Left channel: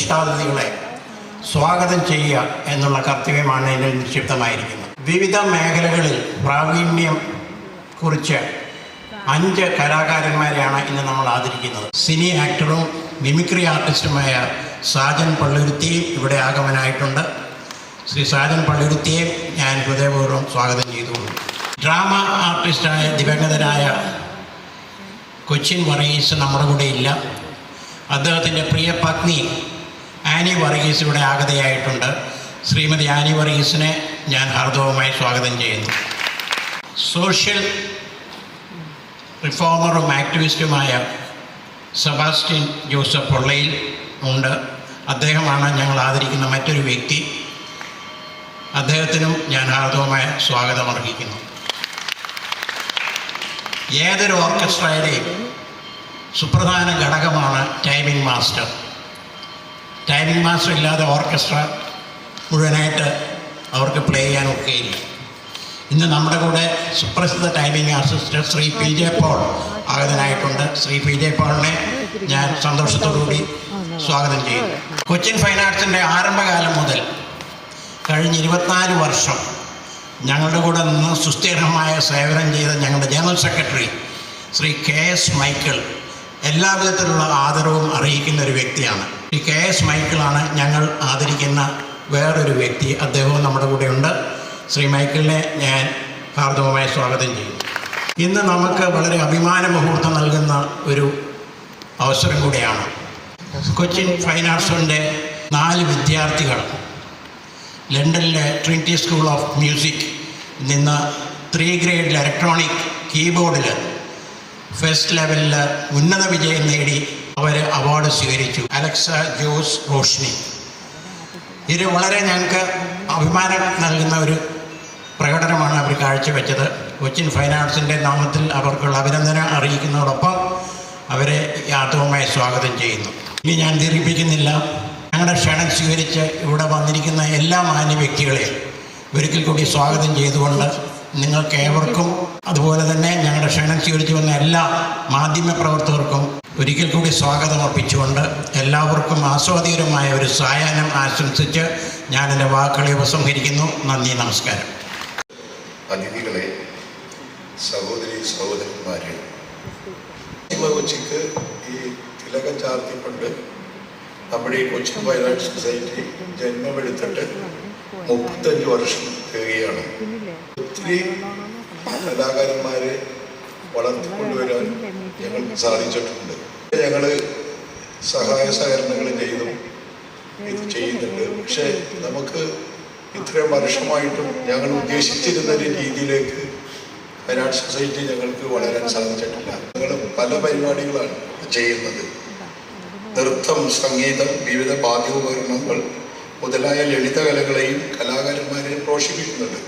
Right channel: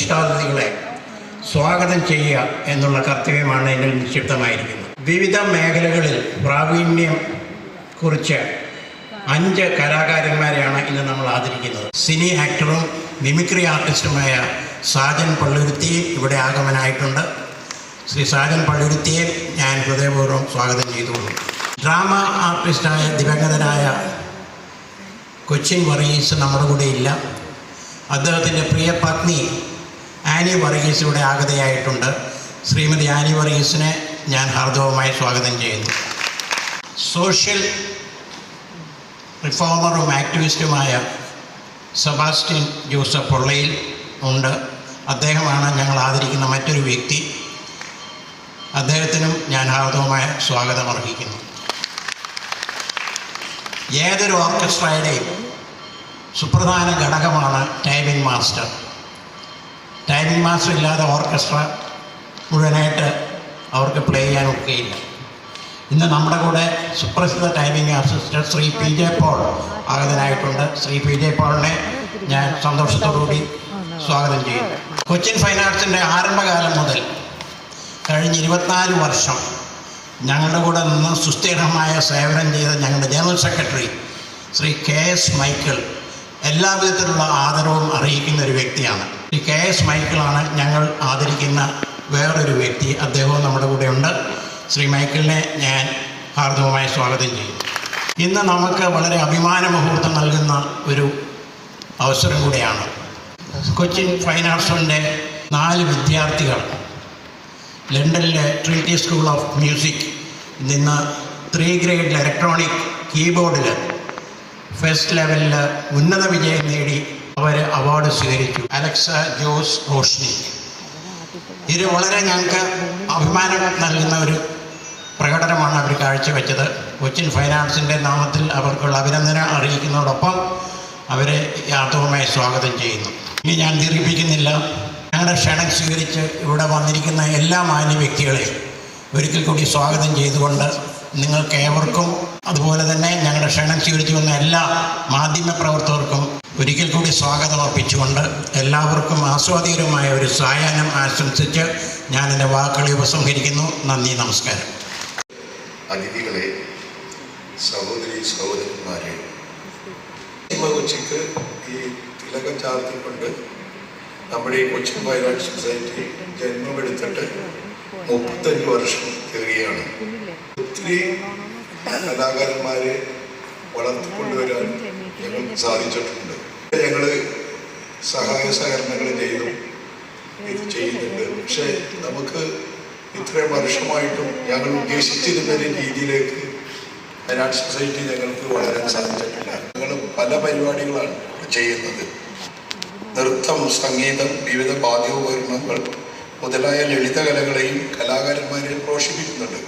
വിശിഷ്ടാതിഥികളെ സ്വാഗതം ചെയ്യുക എന്നുള്ള കർത്തവ്യമാണ് എന്നിൽ നിക്ഷിപ്തമായിരിക്കുന്നത്. വിവിധ മേഖലകളിൽ പ്രാവീണ്യം കുറിച്ച് 5 കലാകാരന്മാരെയാണ് ഇന്ന് നമ്മൾ ആദരിക്കുന്നത്. സിനി ആക്ടറും മിമിക്രി ആർട്ടിസ്റ്റുമായ സാജൻ പള്ളുരുത്തിയും ഇവിടെ ആഗമനായിട്ടുണ്ട്. ശ്രീ സാജൻ പള്ളുരുത്തിയെ ഞാൻ ഹൃദയപൂർവ്വം സ്വാഗതം ചെയ്തുകൊള്ളു. ഡ്രാമ ആർട്ടിസ്റ്റായ ദിവംഗതനായ കൊച്ചിൻ വർഗീസ് നമ്മുടെ കൂടെ ഇല്ല. അദ്ദേഹത്തിൻ്റെ പ്രിയ പത്നി ആനി വർഗീസ് ഇവിടെ ആഗതയായിട്ടുണ്ട്. ശ്രീമതി ആനി വർഗീസിനെ ഞാൻ ഹാർദവമായി സ്വാഗതം ചെയ്യുന്നു. സോഷ്യൽ റിഫോമറും ആക്ടിവിസ്റ്റുമായ സെബാസ്റ്റ്യൻ ജോസഫ് പൊള്ളയിൽ ഉണ്ട്. അദ്ദേഹമാണ് ഞങ്ങൾ ആദരിക്കുന്ന മറ്റൊരു വ്യക്തി. അദ്ദേഹത്തിനും ഞാൻ ഹാർദവമായ സ്വാഗതം അർഹിക്കുന്നു. ഏതൊരു ഓർക്കസ്ട്രയുടെയും സുപ്രധാന ഘടകമാണ് ടൈമിംഗ് മാസ്റ്റർ. ടൈമിംഗ് മാസ്റ്റർ ഇല്ലാതെ ഓർക്കസ്ട്ര മുഴുവനായിട്ട് അവർക്ക് പ്ലേ ചെയ്യാൻ ഒക്കെയില്ല. ഇന്ന് നമ്മുടെ കൂടെ സുപ്രസിദ്ധ timing assister Shri P J Paul ആഗതനായിട്ടുണ്ട്. ശ്രീ പി ജെ പോളിനെ ഞാൻ സന്തോഷത്തോടുകൂടി സ്വാഗതം ചെയ്യുന്നു. കൊച്ചിൻ ഫൈൻ ആർട്സിൻ്റെ ആരംഭകാലം മുതൽ കഴിഞ്ഞ 24 വർഷം ഞങ്ങളുടെ കൂടെ നിന്ന് സുസ്ഥിരമായ സേവനം ചെയ്ത ഞങ്ങളുടെ general secretary Shri KS Michael എല്ലാവിധത്തിലുള്ള ആദരവും അറിയിക്കുന്ന ഒരു വ്യക്തിയാണ്. ഈ KS മൈക്കിളാണ് ഞങ്ങൾ ആദരിക്കുന്ന വേറൊരു വ്യക്തി. അദ്ദേഹവും നമ്മുടെ കൂടെയുണ്ട്. ശ്രീ മൈക്കിളിനെ ഞാൻ ഹാർദവമായി സ്വാഗതം ചെയ്യും. ഇന്ന് നമുക്ക് വളരെ അഭിമാന മുഹൂർത്തം നൽകുന്ന ഒരു അവസരം കൂടെയാണ്. കൊച്ചിൻ ഫൈൻ ആർട്സിൻ്റെ 4 വിദ്യാർത്ഥികൾ ലണ്ടനിലെ ട്രിനിറ്റി സ്കൂൾ ഓഫ് മ്യൂസിക് നിന്ന് 3 ഗ്രേഡ് ഇലക്ട്രോണിക് കീബോർഡിൽ ഫസ്റ്റ് ലെവലിൽ ഉന്നത വിജയം നേടി അവർ അവാർഡ് സ്വീകരിച്ചു. അലക്സ ജോസ് റോഷ്നി. ഇത് വളരെ ഞങ്ങൾക്ക് അഭിമാനം നൽകുന്ന ഒരു പ്രകടനമാണ് അവർ കാഴ്ചവെച്ചത്. കൊച്ചിൻ ഫൈൻ ആർട്സിൻ്റെ നാമത്തിൽ അവർക്കുള്ള അഭിനന്ദനം അറിയിക്കുന്നതോടൊപ്പം അവരെ യാത്രവുമായി സ്വാഗതം ചെയ്യുന്നു. ഇനി ഞാൻ ദീർഘിപ്പിക്കുന്നില്ല. ഞങ്ങളുടെ ക്ഷണം സ്വീകരിച്ച് ഇവിടെ വന്നിരിക്കുന്ന എല്ലാ മാന്യ വ്യക്തികളെയും ഒരിക്കൽ കൂടി സ്വാഗതം ചെയ്തുകൊണ്ട് നിങ്ങൾക്ക് ഏവർക്കും അതുപോലെ തന്നെ ഞങ്ങളുടെ ക്ഷണം സ്വീകരിച്ചു വന്ന എല്ലാ മാധ്യമപ്രവർത്തകർക്കും ഒരിക്കൽ കൂടി സ്വാഗതം അർപ്പിച്ചുകൊണ്ട് എല്ലാവർക്കും ആസ്വാദികരമായ ഒരു സായാഹ്നം ആശംസിച്ച് ഞാൻ എൻ്റെ വാക്കുകളെ ഉപസംഹരിക്കുന്നു. നന്ദി, നമസ്കാരം. അതിഥികളെ, സഹോദരി സഹോദരന്മാരെ, ഉച്ചയ്ക്ക് ഈ തിലകം ചാർത്തിക്കൊണ്ട് നമ്മുടെ ഈ കൊച്ചിൻ ഫൈൻ ആർട്സ് സൊസൈറ്റി ജന്മമെടുത്തിട്ട് 35 വർഷം തികയാണ്. ഒത്തിരി കലാകാരന്മാരെ വളർത്തിക്കൊണ്ടുവരാൻ ഞങ്ങൾക്ക് സാധിച്ചിട്ടുണ്ട്. ഞങ്ങൾ സഹായ സഹകരണങ്ങൾ ഇത് ചെയ്യുന്നുണ്ട്. പക്ഷേ നമുക്ക് ഇത്രയും വർഷമായിട്ടും ഞങ്ങൾ ഉദ്ദേശിച്ചിരുന്ന ഒരു രീതിയിലേക്ക് ഫൈൻ ആർട്സ് സൊസൈറ്റി ഞങ്ങൾക്ക് വളരാൻ സാധിച്ചിട്ടില്ല. ഞങ്ങൾ പല പരിപാടികളാണ് ചെയ്യുന്നത്. നൃത്തം, സംഗീതം, വിവിധ വാദ്യോപകരണങ്ങൾ മുതലായ ലളിതകലകളെയും കലാകാരന്മാരെയും പ്രോത്സാഹിപ്പിക്കുന്നുണ്ട്.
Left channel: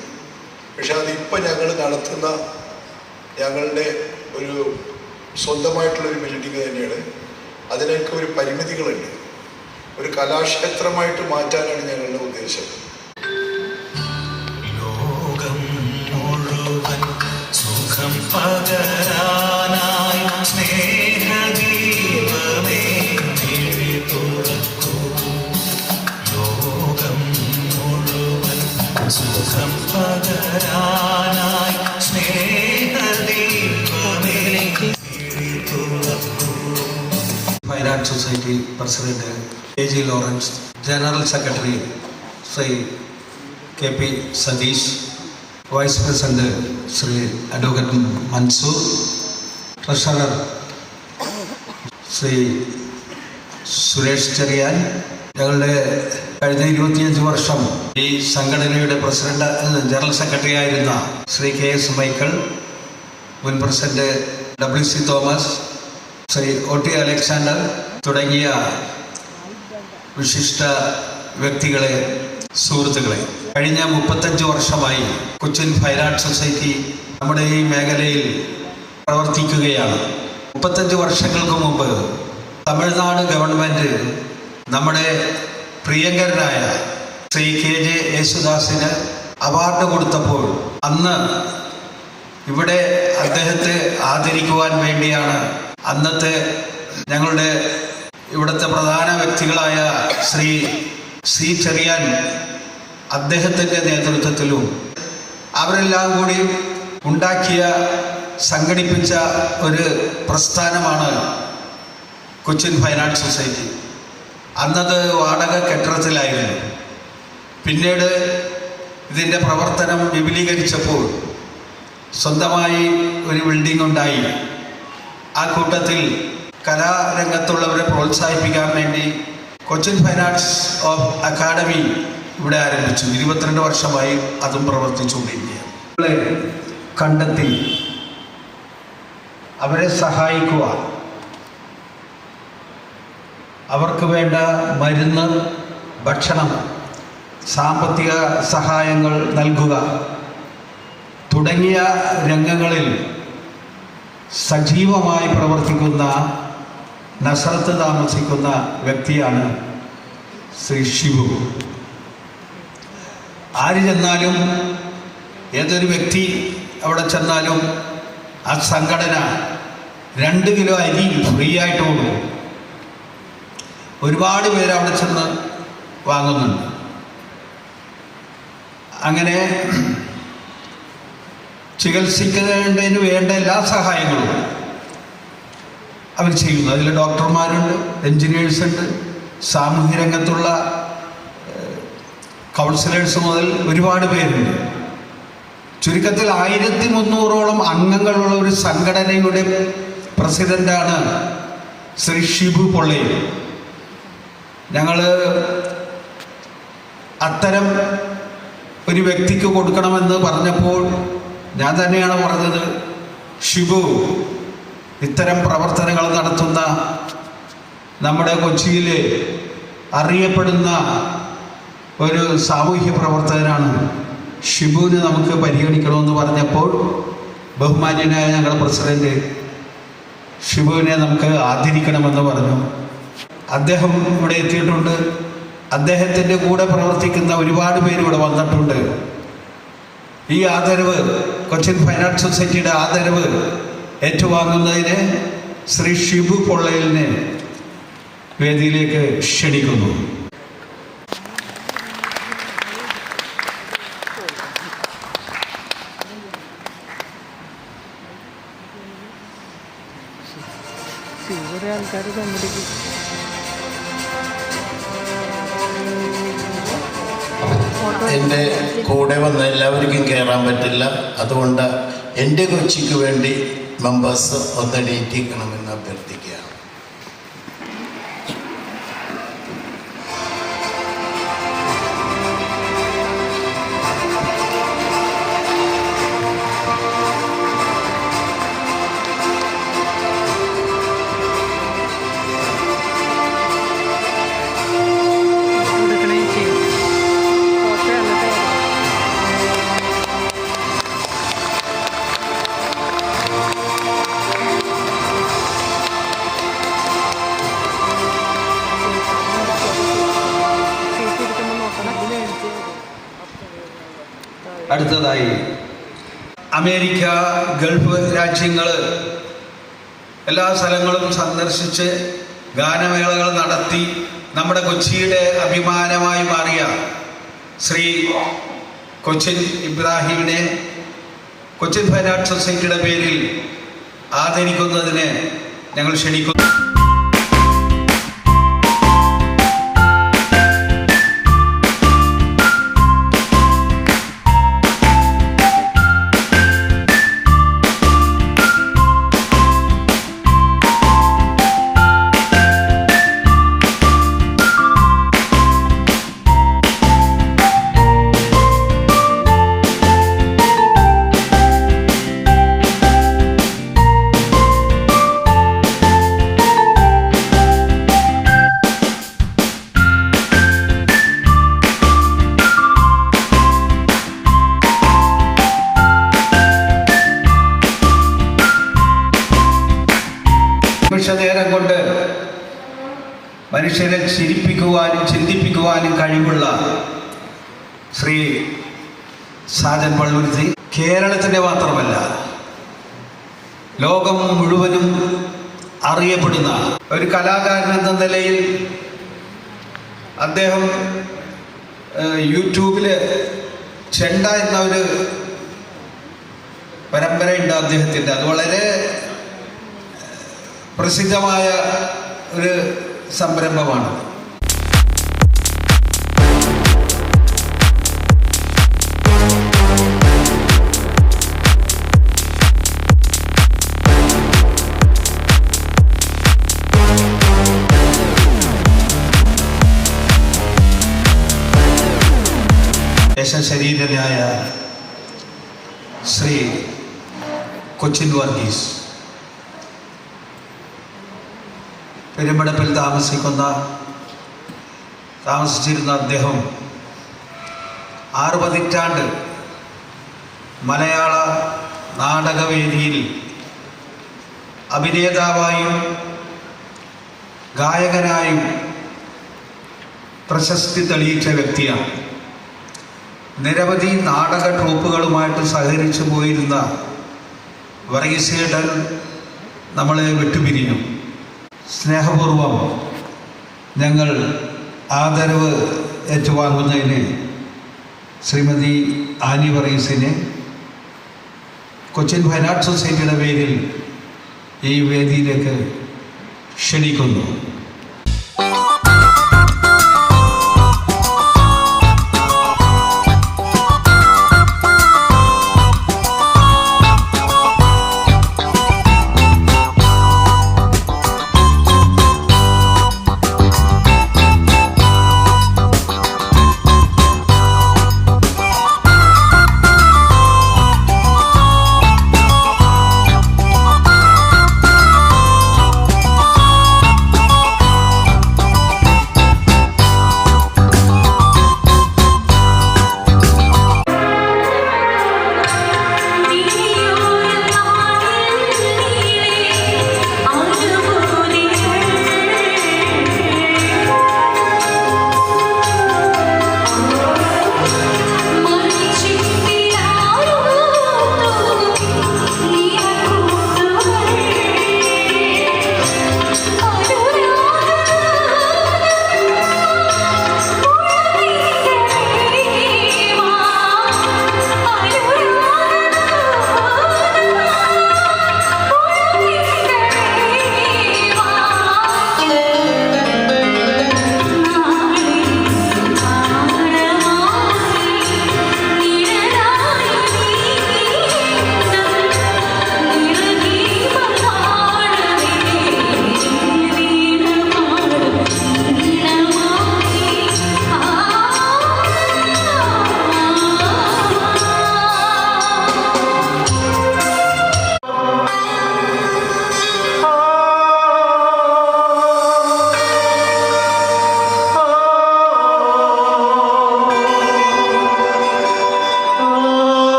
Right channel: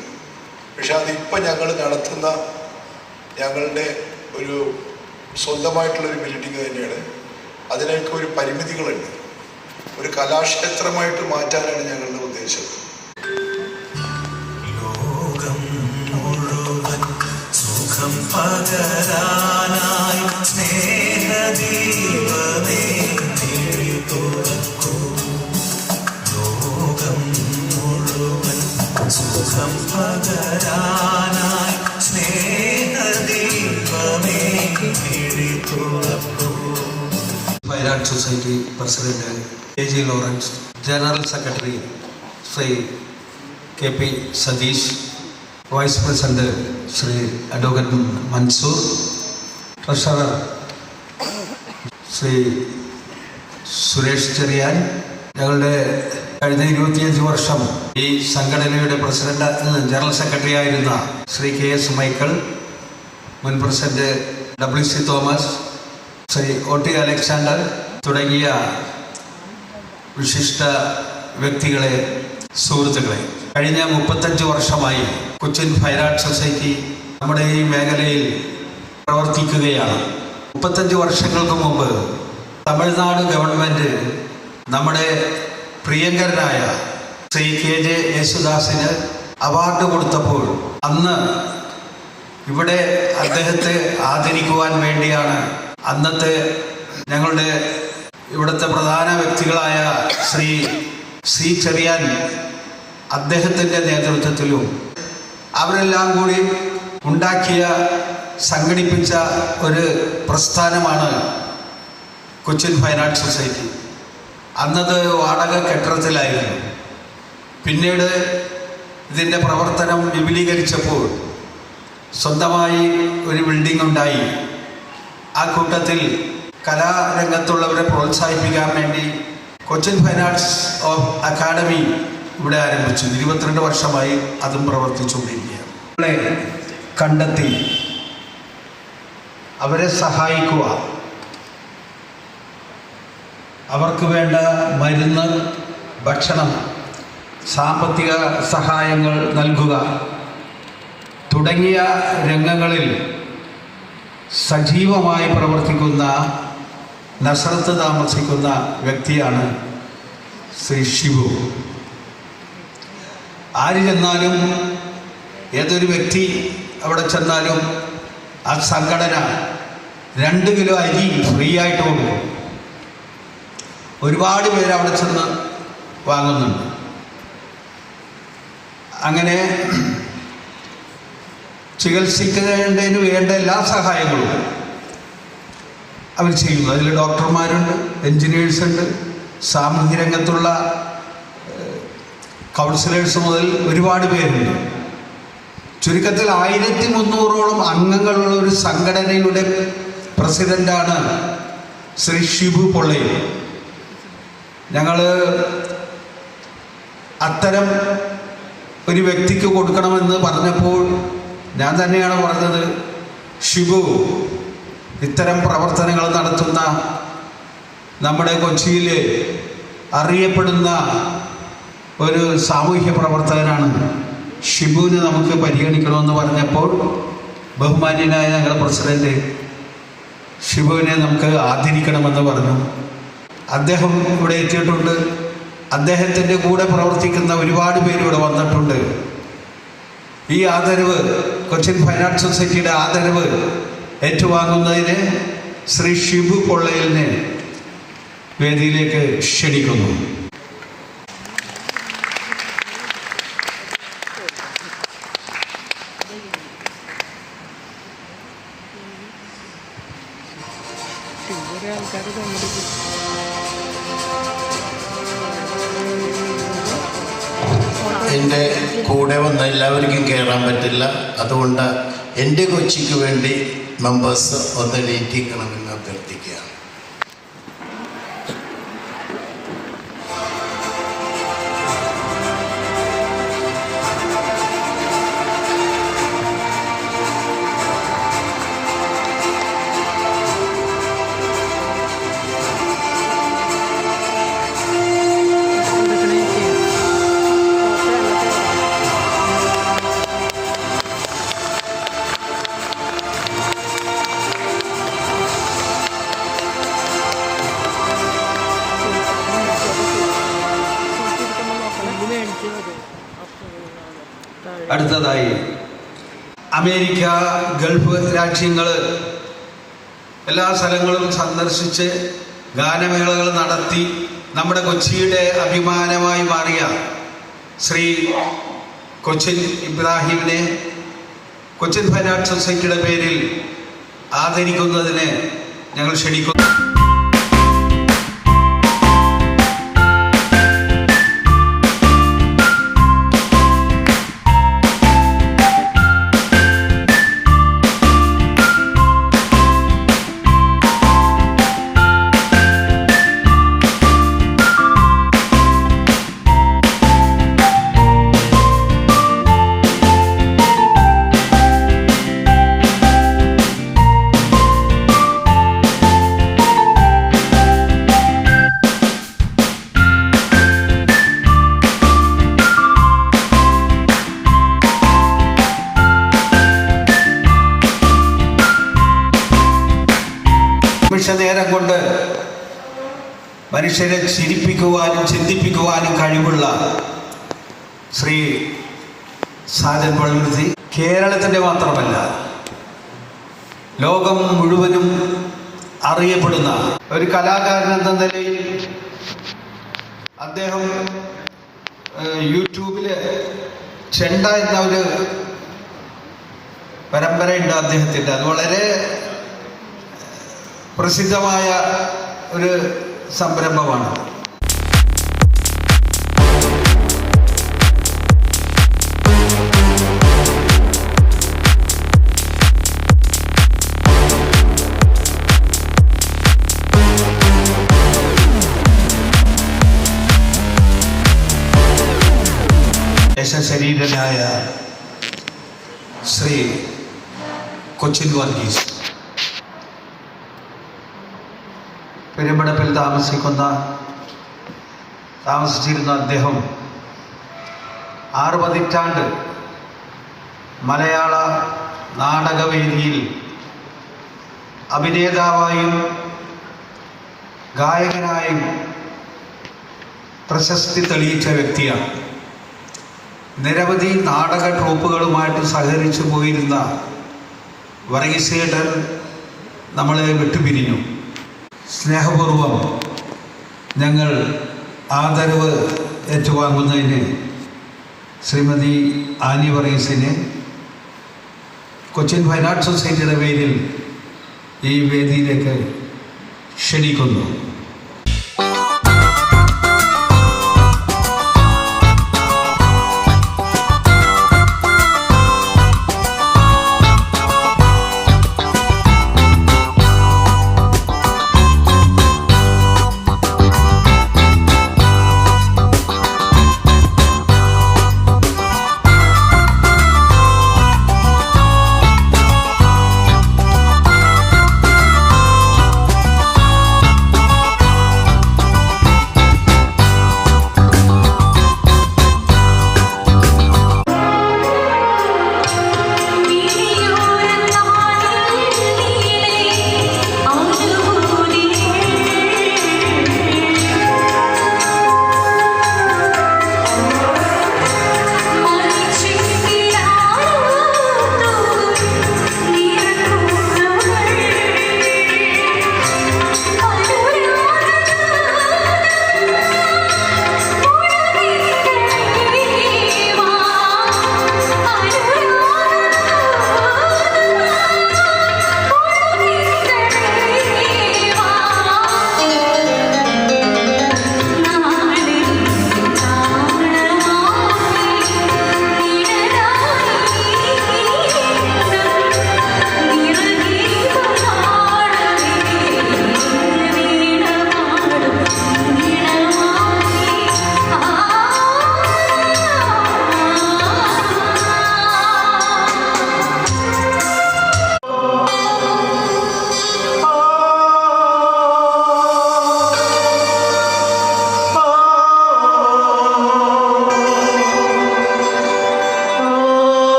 പക്ഷെ അതിപ്പോൾ ഞങ്ങൾ നടത്തുന്ന ഞങ്ങളുടെ ഒരു സ്വന്തമായിട്ടുള്ളൊരു ബിൽഡിംഗ് തന്നെയാണ്. അതിനൊക്കെ ഒരു പരിമിതികളുണ്ട്. ഒരു കലാക്ഷേത്രമായിട്ട് മാറ്റാനാണ് ഞങ്ങളുടെ ഉദ്ദേശം. ലോകം മുഴുവൻ സുഖം പകരാനായി സ്നേഹദീപമേ തുറക്കൂ. ലോകം മുഴുവൻ സുഖം പകരാനായി സ്നേഹദീപമേ തുറക്കൂ. Fine arts society president KG Lawrence, general secretary Shri KP Satheesh, vice president Shri advocate Mansoor, treasurer Shri Suresh Cherian, ഞങ്ങളുടെ കഴിഞ്ഞ 25 വർഷം ഈ സംഘടനയുടെ പ്രസിഡന്റ് ജനറൽ സെക്രട്ടറി ആയിരുന്ന ശ്രീ KS മൈക്കിൾ, മുൻ president WC Thomas, Shri OT Alexander തുടങ്ങിയ വിശിഷ്ട വ്യക്തികളെ, സുഹൃത്തുക്കളെ, കഴിഞ്ഞ 35 വർഷമായി കൊച്ചിൻ ഫൈൻ ആർട്സ് സൊസൈറ്റി നമ്മുടെ ഈ മേഖലയിൽ പ്രവർത്തിക്കുകയാണ്. 35 വർഷങ്ങൾക്ക് മുമ്പ് തമിഴ്നാട് ഗവൺമെൻറ് നമ്മുടെ പ്രിയങ്കരനായ ശ്രീ KJ യേശുദാസിന് അവാർഡ് കൊടുത്തപ്പോൾ അന്ന് ഇവിടെ അദ്ദേഹത്തെ ആദരിക്കുവാൻ വേണ്ടിയാണ് അന്നത്തെ ഞങ്ങളുടെ ഇവിടുത്തെ പ്രധാന വ്യക്തികളായ ശ്രീ ചെറിയാൻ അദ്ദേഹത്തിൻ്റെ നേതൃത്വത്തിലും അവരെല്ലാം കൂടി ഉണ്ടാക്കിയ സംഘടിപ്പിച്ച ഒരു പ്രസ്ഥാനമാണ് കൊച്ചിൻ ഫൈൻ ആർട്സ് സൊസൈറ്റി. അന്നത് വാടക കെട്ടിടത്തിലായിരുന്നു. പിന്നീട് ഇതിൻ്റെ പ്രവർത്തനം വിപുലീകരിച്ചപ്പോൾ സ്വന്തമായി ഒരു ബിൽഡിംഗ് ഉണ്ടായി. ആ കൂട്ടത്തിൽ കലാരംഗത്തുള്ളവരെ പ്രോത്സാഹിപ്പിക്കാൻ വേണ്ടി കൊച്ചിൻ ഫൈൻ ആർട്സ് അക്കാഡമി ഇവിടെ ആരംഭിച്ചു. 22 വർഷമായി അതും പ്രവർത്തിച്ചുകൊണ്ടിരിക്കുകയാണ്. കണ്ടെത്തി അവരെ സഹായിക്കുക, അവർക്ക് വേണ്ട മരുന്ന്, ഭക്ഷണം, സാമ്പത്തിക സഹായങ്ങൾ നൽകുക തുടങ്ങിയ രംഗങ്ങളിൽ സജീവമായി പ്രവർത്തിക്കുന്ന നസറത്ത് താമസിക്കുന്ന വ്യക്തിയാണ് ശ്രീ ഷിബു. ആര് ചെന്നാലും, ഏതൊരു വ്യക്തി അവിടെ ചെന്നാലും ആ സംഘടന 2 കിലോ അരി ഫ്രീ ആയിട്ട് കൊടുക്കും. ഒരുപാട് പേര് അവിടെ ചെന്ന് വാങ്ങുന്നുണ്ട്. അങ്ങനെ ചികിത്സിക്കുന്നതിന് വേണ്ട എല്ലാ സഹായങ്ങളും അവർ ചെയ്യുന്നു. അതിൽ ഡോക്ടർമാരുണ്ട്, എൻജിനീയേഴ്സുണ്ട്, സാമൂഹ്യ രംഗത്തുള്ള കൗൺസിലേഴ്സ് മുതൽ ഒരുപാട് പേരുണ്ട്. ചുരുക്കത്തിൽ 1300ഓളം അംഗങ്ങളുള്ള ഒരു സംഘടനയുടെ പ്രസിഡന്റാണ് ശ്രീ ഷിബു പൊള്ളയിൽ. ഞങ്ങൾ അത്തരം ഒരു വ്യക്തിക്ക് കൊടുക്കണമെന്ന് പറഞ്ഞപ്പോൾ ഞാൻ തന്നെയാണ് പറഞ്ഞത്, ഷിബു ഇത്തരം പ്രവർത്തനങ്ങൾ നടത്തുന്ന നമ്മുടെ കൊച്ചിയിൽ അറിയപ്പെടുന്ന ഒരു സാമൂഹ്യ പ്രവർത്തകനാണ്. ഷിബുവിനെ നമുക്ക് പരിഗണിക്കണമെന്ന് പറഞ്ഞപ്പോൾ ബഹുമാന്യനായ ഞങ്ങളുടെ പ്രസിഡന്റ് ഷിബുവിനെ നമുക്ക് ആദരിക്കണമെന്ന് പറഞ്ഞു. അദ്ദേഹം ഇവിടെ എത്തിയിട്ടുണ്ട്. അദ്ദേഹത്തിൻ്റെ കൂടെ പ്രവർത്തിക്കുന്ന ഒരുപാട് പേര് ഇവിടെ വന്നിട്ടുണ്ട്. ഈ ആദരവ്, കൊച്ചിൻ ഫൈൻ ആർട്സ് സൊസൈറ്റിയുടെ ആദരവ് ഏറ്റുവാങ്ങുന്നതിന് ശ്രീ ഷിബു പൊള്ളയിലിനെ വേദിയിലേക്ക് ക്ഷണിക്കുന്നു. എൻ്റെ കൂടെ വന്ന എല്ലാവർക്കും കയറാൻ പറ്റില്ല. അതുകൊണ്ട് എൻ്റെ കൊച്ചിക്ക് വേണ്ടി മെമ്പേഴ്സ് ഒന്ന് എണീറ്റിക്കണമെന്ന് അഭ്യർത്ഥിക്കുകയാണ്. അടുത്തതായി അമേരിക്ക, ഗൾഫ് രാജ്യങ്ങൾ എല്ലാ സ്ഥലങ്ങളും സന്ദർശിച്ച് ഗാനമേളകൾ നടത്തി നമ്മുടെ കൊച്ചിയുടെ അഭിമാനമായി മാറിയ ശ്രീ കൊച്ചിൻ ഇബ്രാഹിമിനെ കൊച്ചിൻ ഫൈൻ ആർട്സ് സൊസൈറ്റിയുടെ പേരിൽ ആദരിക്കുന്നതിന് ഞങ്ങൾ ക്ഷണിക്കുന്നു. നേരം കൊണ്ട് മനുഷ്യരെ ചിരിപ്പിക്കുവാനും ചിന്തിപ്പിക്കുവാനും കഴിവുള്ള ശ്രീ സാജൻ പള്ളുരുത്തി കേരളത്തിൻ്റെ മാത്രമല്ല ലോകം മുഴുവനും അറിയപ്പെടുന്ന ഒരു കലാകാരൻ എന്ന നിലയിൽ അദ്ദേഹം യൂട്യൂബിൽ ചെണ്ട എന്ന ഒരു പരമ്പരയുണ്ട് അദ്ദേഹത്തിൻ്റെ. അത് വളരെ പ്രസിദ്ധമായ ഒരു സംരംഭമാണ്. ശരീരനായ ശ്രീ കൊച്ചിൻ വർഗീസ് പെരുമ്പടപ്പിൽ താമസിച്ചിരുന്ന അദ്ദേഹം 6 പതിറ്റാണ്ട് മലയാള നാടകവേദിയിൽ അഭിനേതാവായും ഗായകനായും പ്രശസ്തി തെളിയിച്ച വ്യക്തിയാണ്. നിരവധി നാടക ട്രൂപ്പുകളുമായിട്ട് സഹകരിച്ചു പോയിരുന്ന വർഗീസേട്ടൻ നമ്മളെ വിട്ടുപിരിഞ്ഞു. സ്നേഹപൂർവം ഞങ്ങൾ ആദരവ് ഏറ്റുവാങ്ങുന്നതിന് ശ്രീമതി ആനി വർഗീസിനെ കൊച്ചിൻ ഫൈൻ ആർട്സ് സൊസൈറ്റിയുടെ പേരിൽ ഈ വേദിയിലേക്ക് ക്ഷണിക്കുന്നു.